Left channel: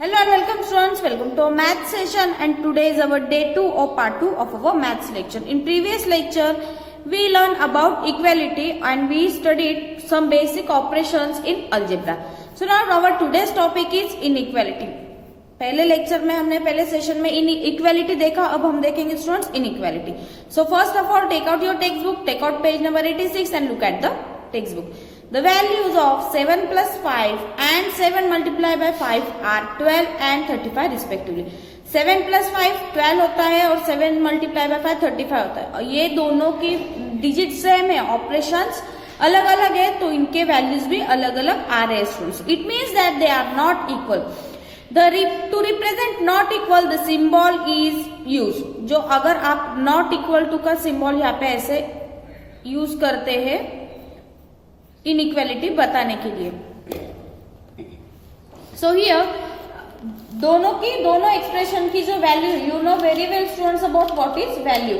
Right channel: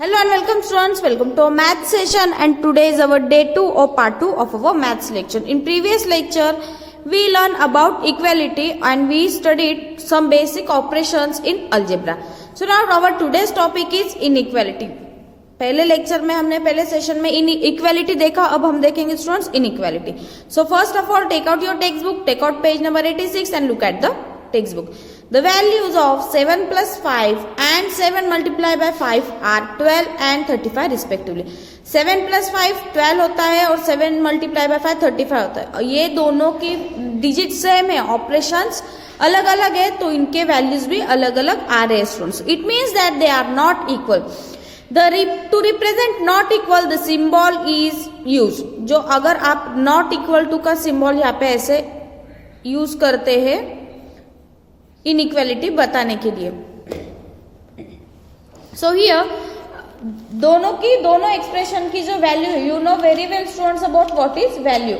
Hello and welcome students, welcome to our math session and today is our day 2 or part 2 of our maths lecture. In previous lecture, we learned about equality and we studied some basic operations in algebra. So now our today's topic is inequality. पहले lecture में हमने पहले session में inequality देखा, अब हम देखेंगे students inequality. So first of all take out your textbook, take out page number 86 and look at the textbook. The values of 7 plus 5 and 7 multiplied by 5 are 12 and 35 respectively. 7 plus 5 12 होता है और 7 multiplied by 5 35 होता है. ये दोनों की digit same है, operations अलग अलग है तो इनके वैल्यूज भी अलग अलग आ रहे हैं students. It means that they are not equal. To represent not equal the symbol is used. जो अगर आप not equal to का सिंबल यहाँ पे ऐसे यूज करते हैं इनइक्वालिटी बताने के लिए. सो हियर दोनों एक्सप्रेशन की जो वैल्यू है, you know very well students about what is value.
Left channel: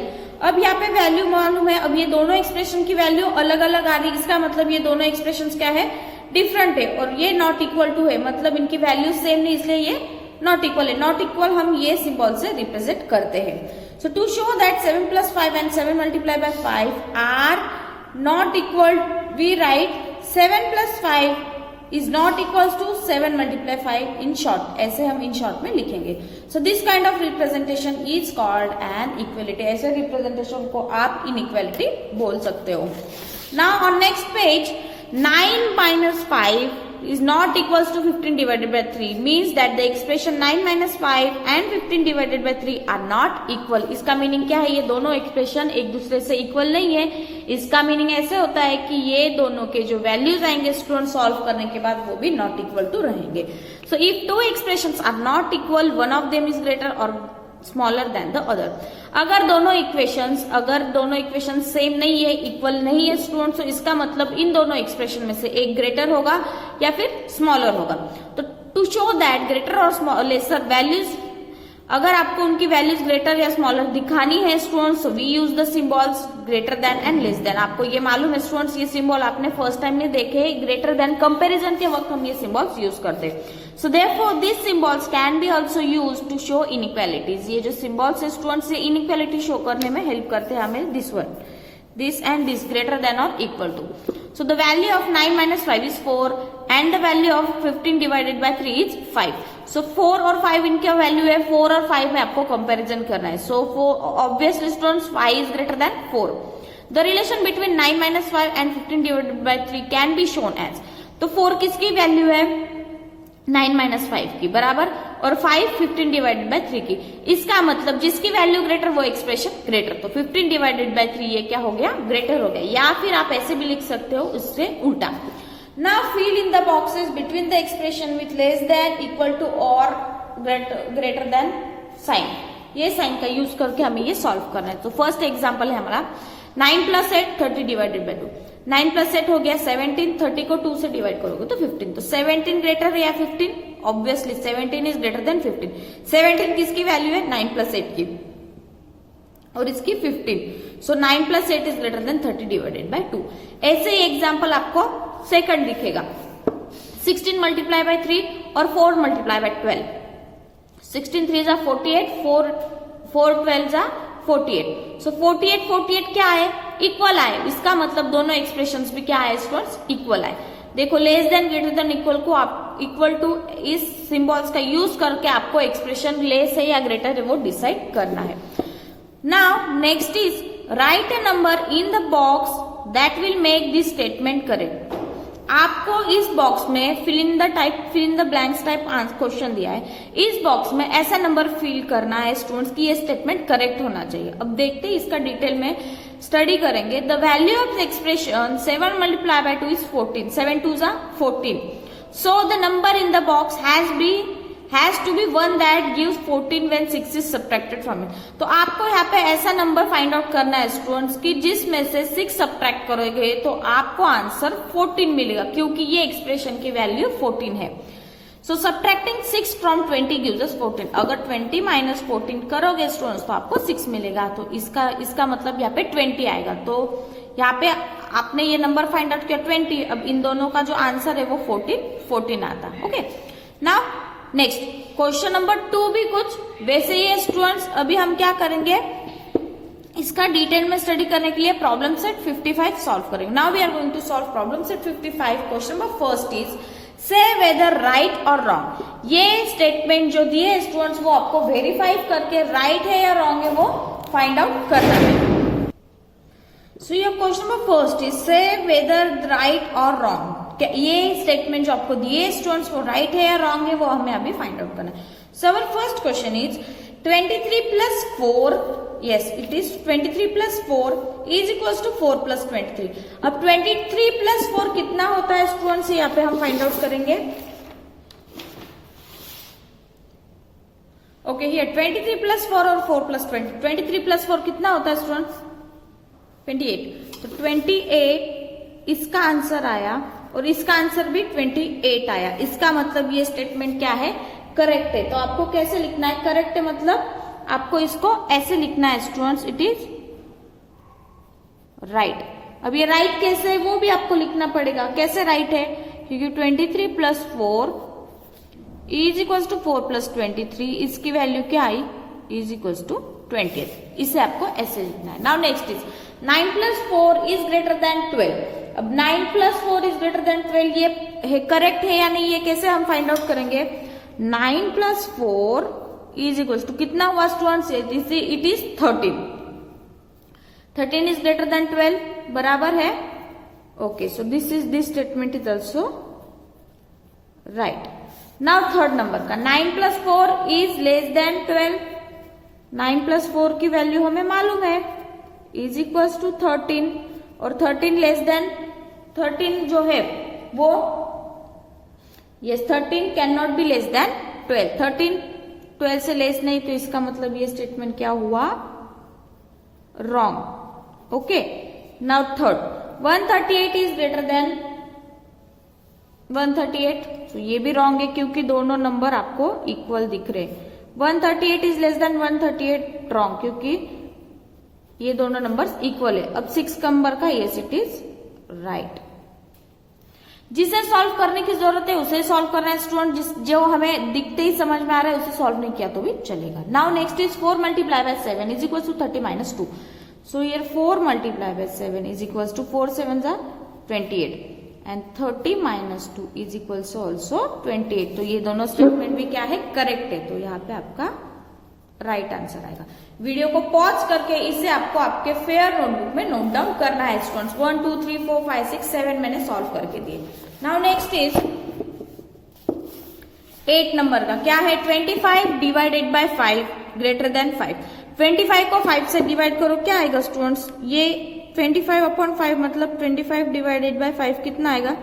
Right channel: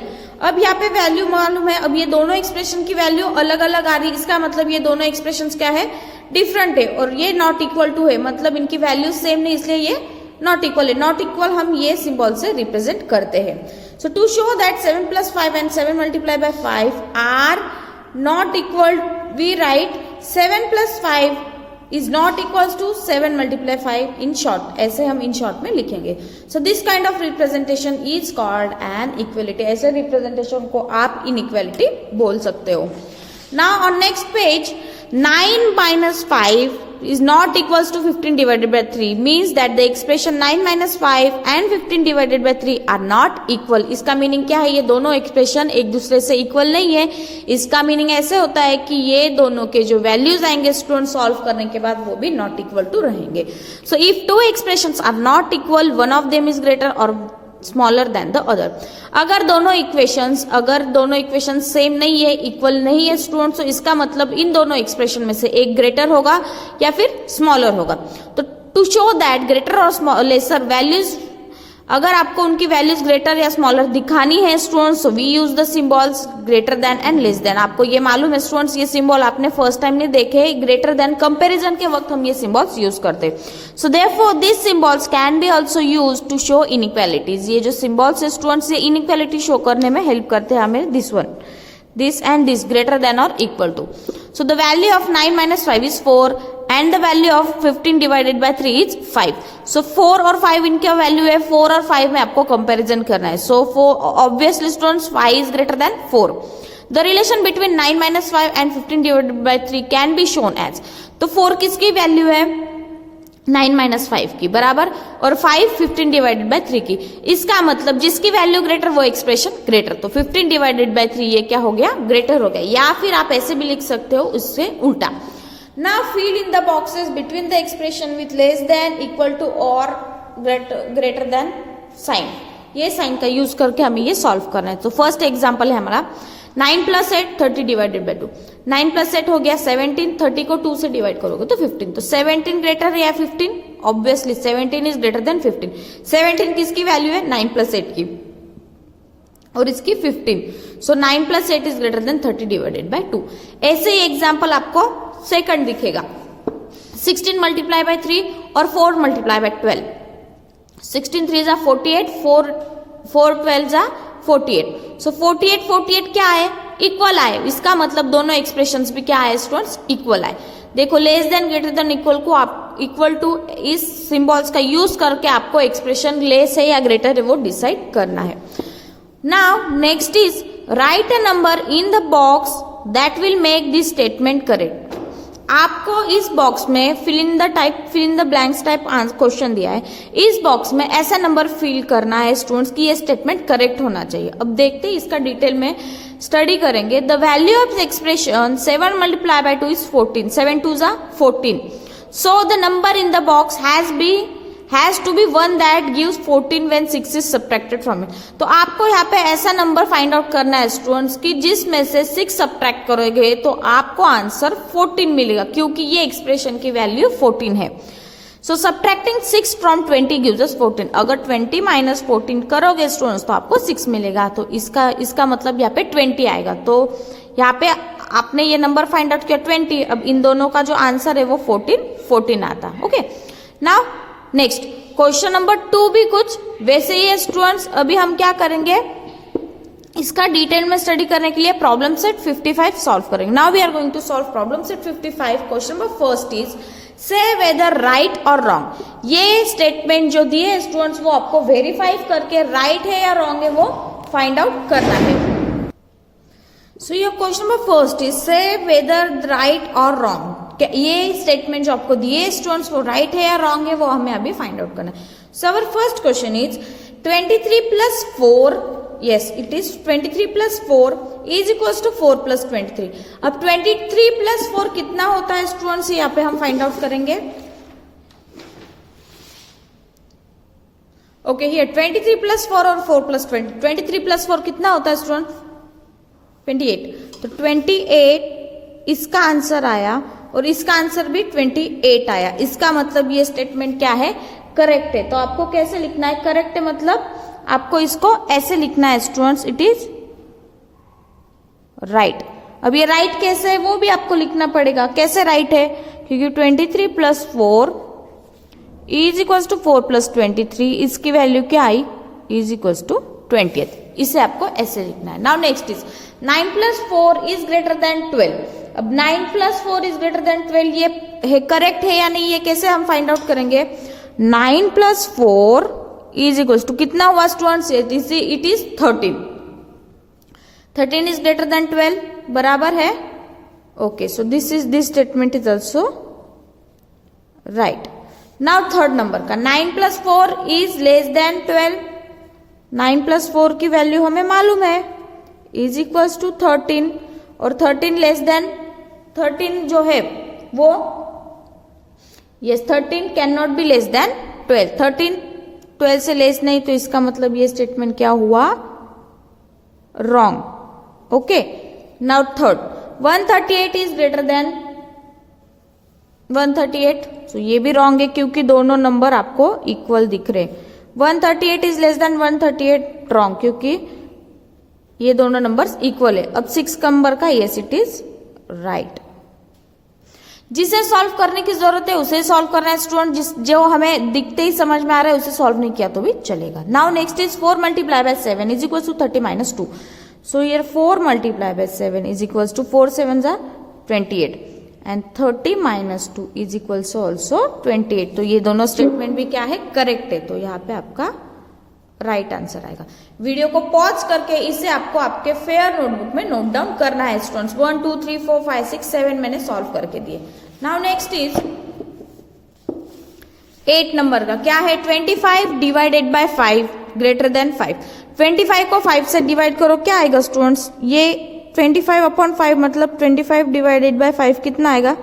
अब यहाँ पे वैल्यू मालूम है, अब ये दोनों एक्सप्रेशन की वैल्यू अलग अलग आ रही है, इसका मतलब ये दोनों एक्सप्रेशन क्या है, डिफरेंट है. और ये नॉट इक्वल टू है, मतलब इनकी वैल्यू सेम नहीं, इसलिए ये नॉट इक्वल है. नॉट इक्वल हम ये सिंबल से रिप्रेजेंट करते हैं. सो to show that 7 plus 5 and 7 multiplied by 5 are not equal, we write 7 plus 5 is not equals to 7 multiplied 5 in short. ऐसे हम in short में लिखेंगे. So this kind of representation is called an equality. ऐसे representation को आप inequality बोल सकते हो. Now on next page, 9 minus 5 is not equals to 15 divided by 3 means that the expression 9 minus 5 and 15 divided by 3 are not equal. इसका meaning क्या है, ये दोनों एक्सप्रेशन एक दूसरे से इक्वल नहीं है. इसका मीनिंग ऐसे होता है कि ये दोनों के जो वैल्यूज आएंगे स्टूडेंट सॉल्व करने के बाद वो भी नॉट इक्वल टू रहेंगे. So if two expressions are not equal, one of them is greater और स्मॉलर देन द अदर. अगर दोनों इक्वेशन सेम नहीं है, इक्वल नहीं है स्टूडेंट्स, तो इसका मतलब इन दोनों एक्सप्रेशन में से एक ग्रेटर होगा या फिर स्मॉलर होगा. तो टू शो दैट ग्रेटर और लेसर वैल्यूज, अगर आपको उनकी वैल्यूज ग्रेटर या स्मॉलर दिखानी है students, we use the symbols greater than and less than. आपको ये मालूम है स्टूडेंट्स, ये सिंबल आपने फर्स्ट टाइम नहीं देखे, ग्रेटर देन कंपैरिजन के वक्त हम ये सिंबल्स यूज करते हैं. So therefore this symbols can be also used to show inequalities. ये जो सिंबल्स है स्टूडेंट्स, ये इनइक्वालिटी शो करने में हेल्प करते हैं हमें. This one, this and this greater than or equal to. So the value of 9 minus 5 is 4 and the value of 15 divided by 3 is 5. So 4 और 5 इनका वैल्यू है, 4 और 5 में आपको कंपैरिजन करना है. So for obviously students 5 is greater than 4. The relation between 9 minus 5 and 15 divided by 3 can be shown as. तो 4 किसकी वैल्यू है, 9 माइनस 5 की बराबर, और 5 15 डिवाइडेड बाय 3 की. इसका मतलब जिसकी वैल्यू ग्रेटर वो एक्सप्रेशन ग्रेटर. तो 15 डिवाइडेड बाय 3 ये क्या हो गया, ग्रेटर हो गया. या फिर आप ऐसे भी लिख सकते हो इससे उल्टा. Now fill in the boxes between the expression with less than, equal to और ग्रेटर देन साइन. ये साइन का यूज करके हमें ये सॉल्व करना है. तो फर्स्ट एग्जाम्पल है हमारा 9 plus 8 30 डिवाइडेड बाय 2. 9 plus 8 हो गया 17, 30 को 2 से डिवाइड करोगे तो 15. तो 17 ग्रेटर है या 15, ऑब्वियसली 17 इज ग्रेटर देन 15. 17 किसकी वैल्यू है, 9 plus 8 की, और इसकी 15. सो 9 plus 8 is greater than 30 divided by 2. ऐसे ही एग्जाम्पल आपको सेकंड दिखेगा. 16 मल्टीप्लाई बाय 3 और 4 मल्टीप्लाई बाय 12. 16 3 जा 48, 4 12 जा 48. सो 48 क्या है, इक्वल आए. इसका मतलब दोनों एक्सप्रेशंस भी क्या आए स्टूडेंट्स, इक्वल आए. देखो less than greater than equal को आप इक्वल टू इस सिंबल्स का यूज करके आपको एक्सप्रेशन लेस है या ग्रेटर है वो डिसाइड करना है. Now next is write a number in the box that will make this statement correct. आपको इस बॉक्स में fill in the blanks type question दिया है. इस बॉक्स में ऐसा नंबर फिल करना है स्टूडेंट्स कि ये स्टेटमेंट करेक्ट होना चाहिए. अब देखते हैं इसका डिटेल में स्टडी करेंगे. The value of expression 7 multiply by 2 is 14. 7 2 जा 14. So the number in the box has to be one that gives 14 when 6 is subtracted from it. तो आपको यहाँ पे ऐसा नंबर फाइंड आउट करना है स्टूडेंट्स कि जिसमें से 6 सब्ट्रैक्ट करोगे तो आपको आंसर 14 मिलेगा, क्योंकि ये एक्सप्रेशन की वैल्यू 14 है. सो सब्ट्रैक्टिंग 6 फ्रॉम 20 गिव्स अस 14. अगर 20 माइनस 14 करोगे स्टूडेंट्स तो आपको 6 मिलेगा. तो इसका मतलब यहाँ पे 20 आएगा. तो यहाँ पे आपने ये नंबर फाइंड आउट किया 20. अब इन दोनों का जो आंसर है वो 14 आता है. Okay, now next question number 2 भी कुछ वैसे ही है स्टूडेंट्स। अभी हम क्या करेंगे, इसका डिटेल में स्टडी करने के लिए प्रॉब्लम सेट 55 सॉल्व करेंगे। Now we are going to solve problem set 55। Question number first is say whether right और रॉन्ग। ये स्टेटमेंट जो दिए है स्टूडेंट्स वो आपको वेरीफाई करके राइट है या रॉन्ग है वो फाइंड आउट करना है। So your question number first is say whether right और रॉन्ग। ये स्टेटमेंट जो आपको दिए स्टूडेंट्स वो राइट है या रॉन्ग है वो हमें अभी फाइंड आउट करना है। So our first question is 23 plus 4, yes it is 23 plus 4 is equals to 4 plus 23। अब 23 plus 4 कितना होता है स्टूडेंट्स, यहाँ पे हम फाइंड आउट करेंगे। ओके हियर 23 plus 4 और 4 plus 20। 23 plus 4 कितना होता है स्टूडेंट, 28। तो 28 इसका आंसर आया और इसका आंसर भी 28 आया। इसका मतलब ये स्टेटमेंट क्या है, करेक्ट है। तो आपको कैसे लिखना है, करेक्ट है मतलब आपको इसको ऐसे लिखना है स्टूडेंट्स, इट इज राइट। अब ये राइट कैसे है वो भी आपको लिखना पड़ेगा। कैसे राइट है, क्योंकि 23 plus 4 is equal to 4 plus 23, इसकी वैल्यू क्या आई, इज इक्वल टू 20। इसे आपको ऐसे लिखना है। Now next is 9 plus 4 is greater than 12। अब 9 plus 4 इज ग्रेटर देन 12 ये करेक्ट है या नहीं, ये कैसे हम फाइंड आउट करेंगे। 9 plus 4 इज इक्वल टू कितना हुआ students, it is 13। 13 is greater than 12 बराबर है। Okay so this statement is also right. Now third number का 9 plus 4 is less than 12। 9 plus 4 की वैल्यू हमें मालूम है, इज इक्वल टू 13 और 13 लेस देन 13 जो है वो yes 13 can not be less than 12। 13 12 से लेस नहीं, तो इसका मतलब ये स्टेटमेंट क्या हुआ, wrong. Okay now third 138 is greater than 138। तो ये भी रॉन्ग है क्योंकि दोनों नंबर आपको इक्वल दिख रहे। 138 इज लेस देन 138 रॉन्ग क्योंकि ये दोनों नंबर्स इक्वल है। अब 6 नंबर का यस इट इज राइट। जिसे सॉल्व करने की जरूरत है उसे सॉल्व करना है स्टूडेंट, जो हमें दिखते ही समझ में आ रहा है उसे सॉल्व नहीं किया तो भी चलेगा। Now next is 4 multiplied by 7 is equal to 30 minus 2। So here 4 multiplied by 7 is equal to 4 7s are 28 and 30 minus 2 is equal to also 28। तो ये दोनों स्टेटमेंट भी क्या है, करेक्ट है। तो यहाँ पे आपका राइट आंसर आएगा। वीडियो को पॉज करके इसे आपको आपके फेयर नोटबुक में नोट डाउन करना है स्टूडेंट्स। 1 2 3 4 5 6 7 मैंने सॉल्व करके दिए। नाउ नेक्स्ट इज 8 नंबर का क्या है, 25 डिवाइडेड बाय 5 ग्रेटर देन 5। 25 को 5 से डिवाइड करो, क्या आएगा स्टूडेंट्स, ये 25 अपॉन 5 मतलब 25 डिवाइडेड बाय 5 कितना आएगा,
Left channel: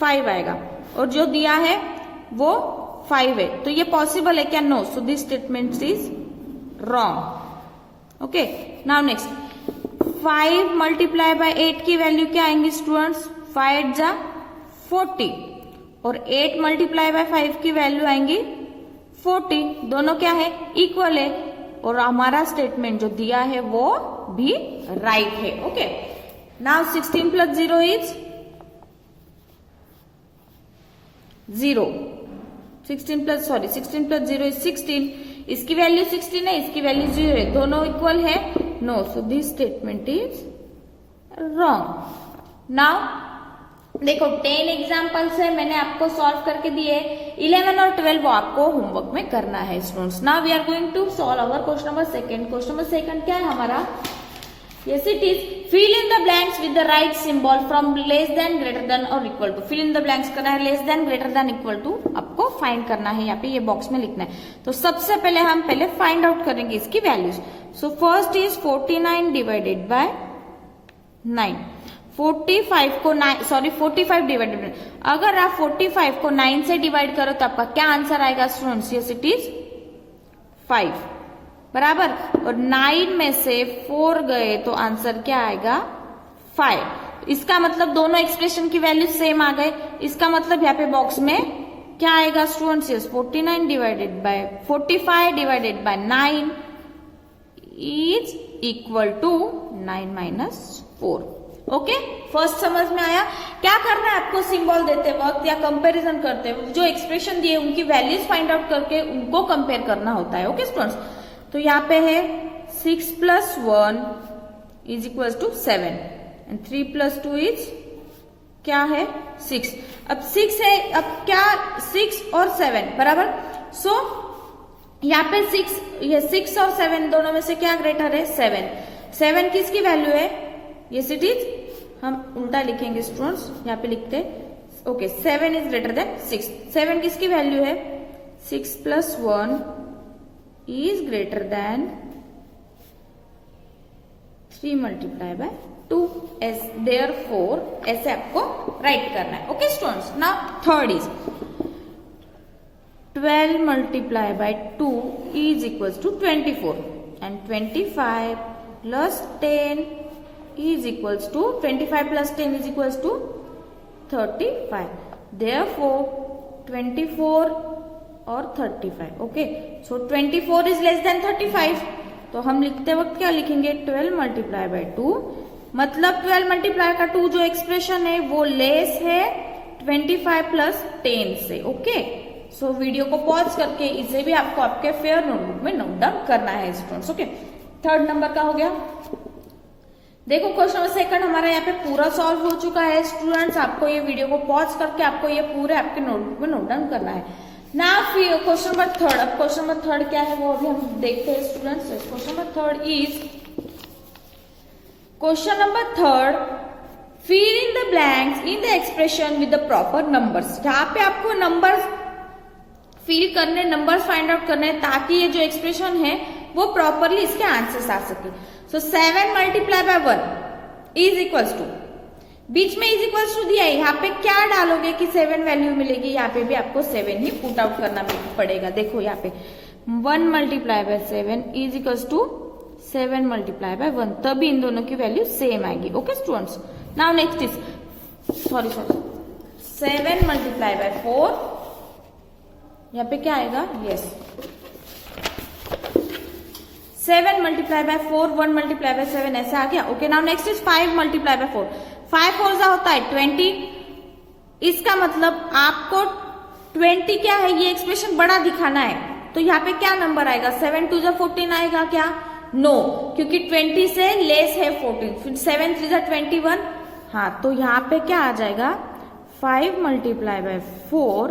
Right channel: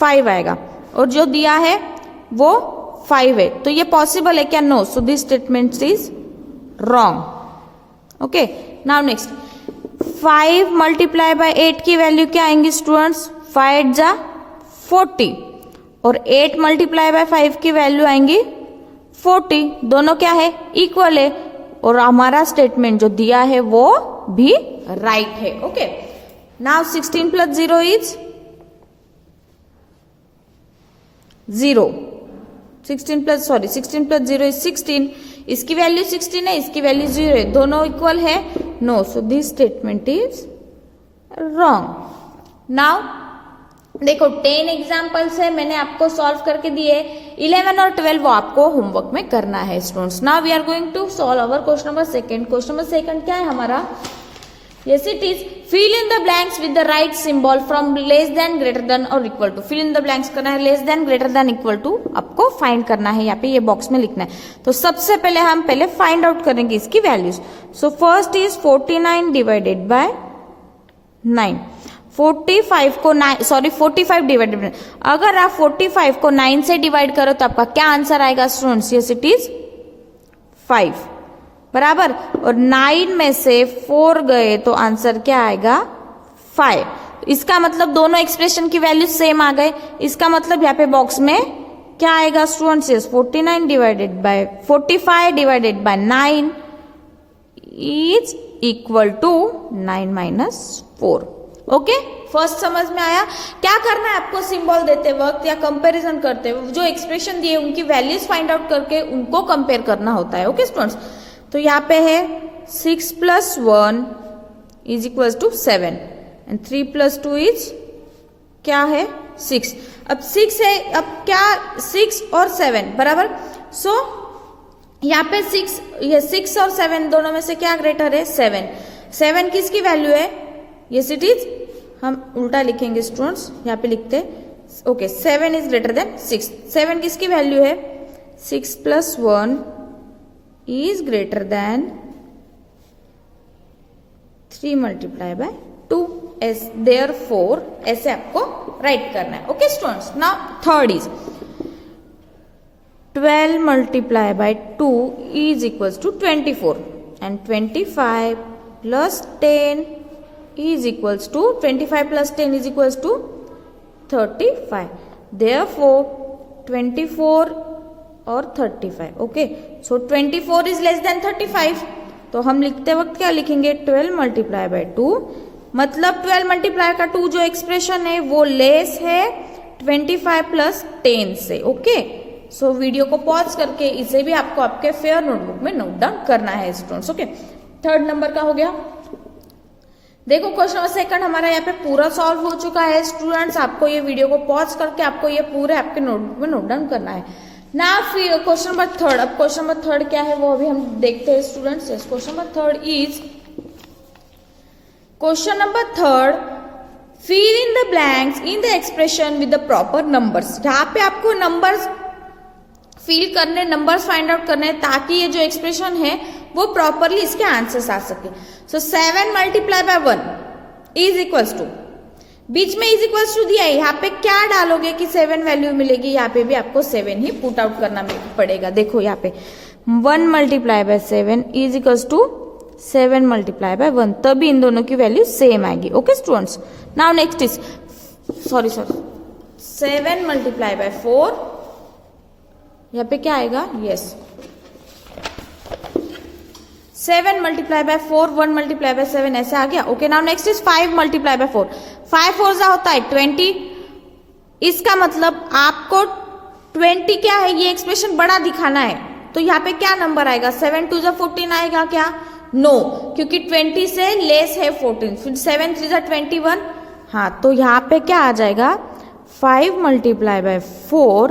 5 आएगा। और जो दिया है वो 5 है, तो ये पॉसिबल है क्या, no. So this statement is wrong. Okay now next 5 multiply by 8 की वैल्यू क्या आएंगी स्टूडेंट्स, 5 जा 40 और 8 मल्टीप्लाई बाय 5 की वैल्यू आएंगी 40। दोनों क्या है, इक्वल है और हमारा स्टेटमेंट जो दिया है वो भी राइट है। Okay now 16 plus 0 is 0। 16 plus 0 is 16। इसकी वैल्यू 16 है, इसकी वैल्यू 0 है, दोनों इक्वल है, no. So this statement is wrong. Now देखो 10 एग्जाम्पल्स है, मैंने आपको सॉल्व करके दिए। 11 और 12 वो आपको होमवर्क में करना है students. Now we are going to solve our question number second. Question number second क्या है हमारा, yes it is fill in the blanks with the right symbol from less than greater than or equal to। fill in the blanks करना है, less than greater than equal to आपको find करना है, यहाँ पे ये बॉक्स में लिखना है। तो सबसे पहले हम फाइंड आउट करेंगे इसकी values. So first is 49 divided by 9। 45 divided bye, अगर आप 45 को 9 से डिवाइड करो तो आपका क्या आंसर आएगा स्टूडेंट्स, यस इट इज 5 बराबर। और 9 में से 4 गए तो आंसर क्या आएगा, 5। इसका मतलब दोनों एक्सप्रेशन की वैल्यू सेम आ गए। इसका मतलब यहाँ पे बॉक्स में क्या आएगा students, 45 divided by 9 is equal to 9 - 4। Okay first समझ में आया? क्या करना है आपको सिंबल देते वक्त या कंपैरिजन करते वक्त, जो एक्सप्रेशन दिए उनकी वैल्यूज फाइंड आउट करके उनको कंपेयर करना होता है। ओके स्टूडेंट्स, तो यहाँ पे है 6 + 1 is equal to 7 and 3 + 2 is क्या है 6। अब 6 है, अब क्या 6 और 7 बराबर, सो यहाँ पे 6 और 7 दोनों में से क्या ग्रेटर है 7 किसकी वैल्यू है, यस इट इज, हम उल्टा लिखेंगे स्टूडेंट्स, यहाँ पे लिखते ओके 7 इज ग्रेटर देन 6। 7 किसकी वैल्यू है 6 + 1 इज ग्रेटर देन 3 × 2 therefore ऐसे आपको राइट करना है। Okay students, now third is 12 × 2 is equals to 24 and 25 plus 10 is equals to 25 plus 10 is equals to 35. Therefore 24 और 35. Okay, so 24 is less than 35. तो हम लिखते वक्त क्या लिखेंगे 12 × 2, मतलब 12 × का 2 जो एक्सप्रेशन है वो लेस है 25 plus 10 से। ओके, सो वीडियो को पॉज करके इसे भी आपको आपके फेयर नोटबुक में नोट डाउन करना है स्टूडेंट्स। ओके, थर्ड नंबर का हो गया। देखो क्वेश्चन नंबर सेकंड हमारा यहाँ पे पूरा सॉल्व हो चुका है स्टूडेंट्स। आपको ये वीडियो को पॉज करके आपको ये पूरे आपके नोटबुक में नोट डाउन करना है ना। फिर क्वेश्चन नंबर थर्ड, अब क्वेश्चन नंबर थर्ड क्या है वो अभी हम देखते हैं students. Question number third is question number third, fill in the blanks in the expression with the proper numbers. यहाँ पे आपको नंबर्स फिल करने, नंबर्स फाइंड आउट करने ताकि ये जो एक्सप्रेशन है वो प्रॉपरली इसके आंसर्स आ सके। सो 7 × 1 इज इक्वल्स टू, बीच में इज इक्वल्स टू दिया है, यहाँ पे क्या डालोगे कि 7 वैल्यू मिलेगी, यहाँ पे भी आपको 7 ही पुट आउट करना पड़ेगा। देखो यहाँ पे 1 × 7 इज इक्वल्स टू 7 × 1, तभी इन दोनों की वैल्यू सेम आएगी। Okay students, now next is 7 × 4, यहाँ पे क्या आएगा, यस 7 × 4, 1 × 7 ऐसा आ गया। Okay, now next is 5 × 4। 5 4 होता है 20, इसका मतलब आपको 20 क्या है, ये एक्सप्रेशन बड़ा दिखाना है, तो यहाँ पे क्या नंबर आएगा 7 2 14 आएगा क्या, नो, क्योंकि 20 से लेस है 14, फिर 7 3 21, हाँ, तो यहाँ पे क्या आ जाएगा 5 × 4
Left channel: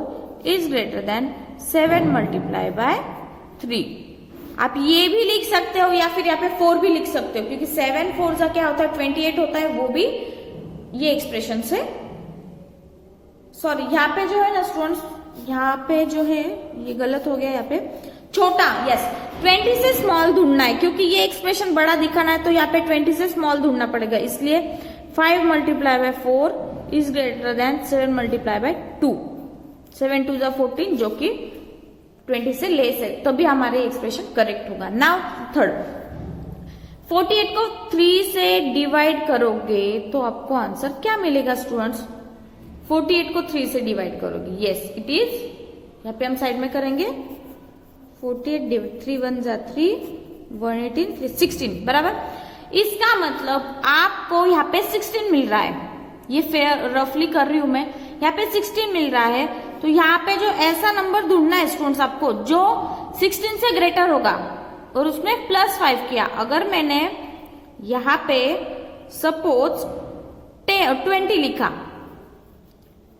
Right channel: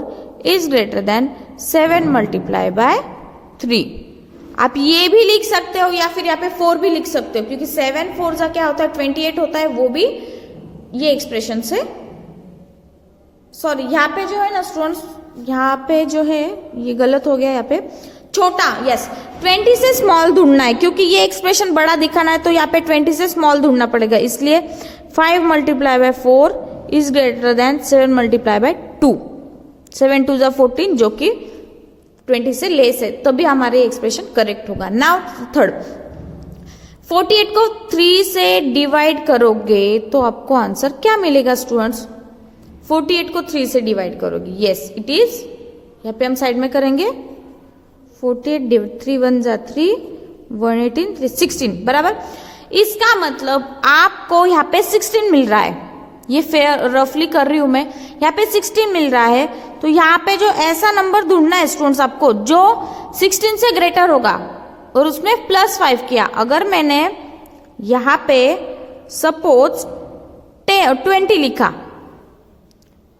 इज ग्रेटर देन 7 × 3। आप ये भी लिख सकते हो या फिर यहाँ पे 4 भी लिख सकते हो, क्योंकि 7 4 का क्या होता है 28 होता है, वो भी ये एक्सप्रेशन से, सॉरी यहाँ पे जो है ना स्टूडेंट्स, यहाँ पे जो है ये गलत हो गया, यहाँ पे छोटा, यस 20 से स्मॉल ढूंढना है, क्योंकि ये एक्सप्रेशन बड़ा दिखाना है तो यहाँ पे 20 से स्मॉल ढूंढना पड़ेगा, इसलिए 5 × 4 इज ग्रेटर देन 7 × 2, 7 2 14 जो कि 20 से लेस है, तभी हमारे एक्सप्रेशन करेक्ट होगा। नाउ थर्ड, 48 को 3 से डिवाइड करोगे तो आपको आंसर क्या मिलेगा स्टूडेंट्स, 48 को 3 से डिवाइड करोगे, यस इट इज, यहाँ पे हम साइड में करेंगे 48 3 1 जा 3 118 3 16 बराबर। इसका मतलब आपको यहाँ पे 16 मिल रहा है, ये फेयर रफली कर रही हूं मैं, यहाँ पे 16 मिल रहा है, तो यहाँ पे जो ऐसा नंबर ढूंढना है स्टूडेंट्स आपको जो 16 से ग्रेटर होगा और उसमें +5 किया। अगर मैंने यहाँ पे सपोज 20 लिखा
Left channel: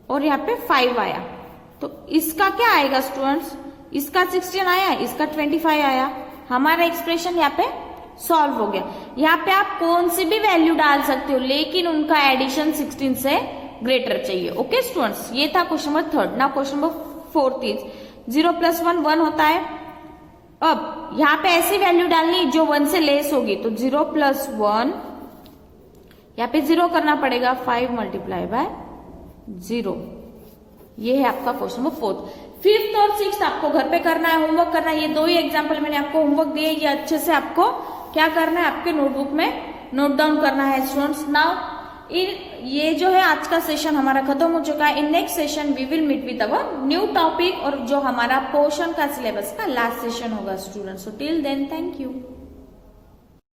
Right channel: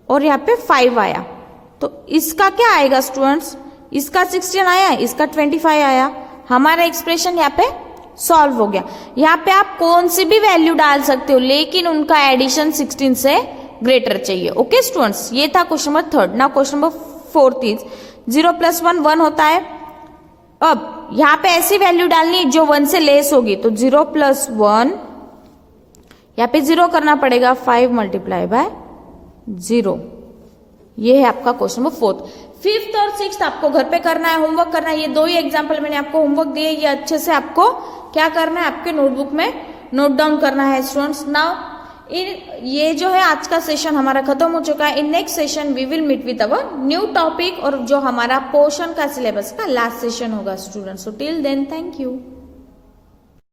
और यहाँ पे 5 आया, तो इसका क्या आएगा स्टूडेंट्स, इसका 16 आया, इसका 25 आया, हमारा एक्सप्रेशन यहाँ पे सॉल्व हो गया। यहाँ पे आप कौन सी भी वैल्यू डाल सकते हो, लेकिन उनका एडिशन 16 से ग्रेटर चाहिए। ओके स्टूडेंट्स, ये था question number third. Now question number fourth is 0 + 1 1 होता है। अब यहाँ पे ऐसी वैल्यू डालनी है जो 1 से लेस होगी, तो 0 + 1, यहाँ पे 0 करना पड़ेगा, 5 × 0, ये है आपका क्वेश्चन नंबर फोर्थ। फिफ्थ और सिक्स्थ आपको घर पे करना है, होमवर्क करना है। ये दो ही एग्जाम्पल मैंने आपको होमवर्क दिए, ये अच्छे से आपको क्या करना है, आपके नोटबुक में नोट डाउन करना है स्टूडेंट्स। नाउ ये जो है आज का सेशन हमारा खत्म हो चुका है। In next session we will meet with our new topic और जो हमारा पोर्शन का सिलेबस का लास्ट सेशन होगा students. So till then thank you.